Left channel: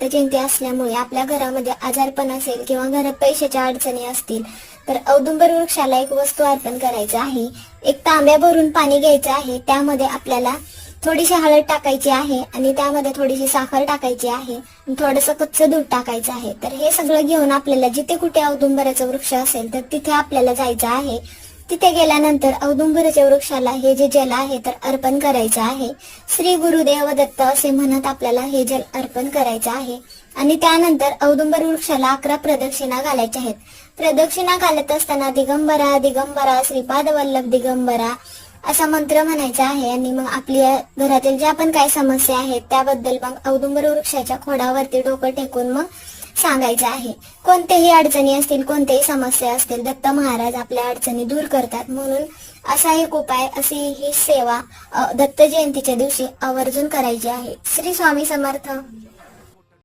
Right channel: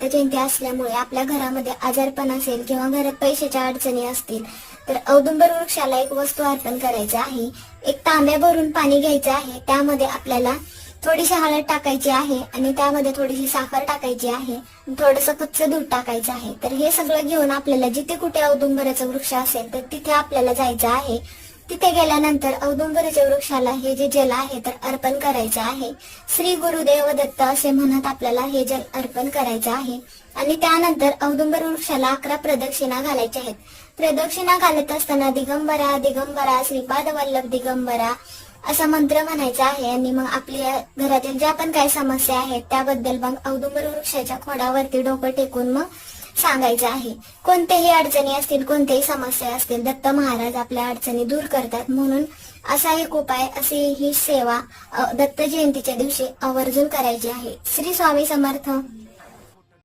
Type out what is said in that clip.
दत्त जयंती असल्यामुळे आपल्या घरामध्ये आजारपण असेल किंवा घरात पैशाच्या अडचणी असतील तर औदुंबर वृक्षाला एक वस्तू अर्पण करायची आहे। एक तांब्या भरून पाणी घ्यायचं आहे, त्यामध्ये आपल्याला थोडीशी हळद टाकायची आहे आणि त्यामध्ये थोडीशी साखर टाकायची आहे, थोडंसं कच्चं दूध टाकायचं आहे। तर हे सगळं घेऊन आपल्याला जिथे कुठे औदुंबराचा वृक्ष असेल तर तिथे आपल्याला जायचं आहे। तिथे गेल्यानंतर औदुंबराच्या वृक्षाला हे जे जल आहे तर अर्पण करायचे आहे। श्री गुरुदेव दत्त असे म्हणत आपल्याला हे जल अर्पण करायचे आहे आणि त्यानंतर औदुंबर वृक्षाला 11 प्रदक्षिणा घालायच्या आहेत। प्रदक्षिणा घालत असताना दिगंबरा दिगंबरा श्रीपाद वल्लभ दिगंबरा असा मंत्र म्हणायचा आहे आणि मग आपल्या घरातील ज्या पण काही समस्या आहेत त्याबद्दल मग औदुंबर वृक्षाच्या खोडावरती डोकं टेकून मग सांगायचं आहे। कोणत्याही अडचणी असतील, कोणत्याही समस्या असतील, दत्त महाराज आपल्या अडचणी दूर करतात। म्हणून असा एक उपाय, अशी ही सेवा दत्त जयंतीच्या दिवशी आवर्जून करायची आहे। श्री स्वामी समर्थ।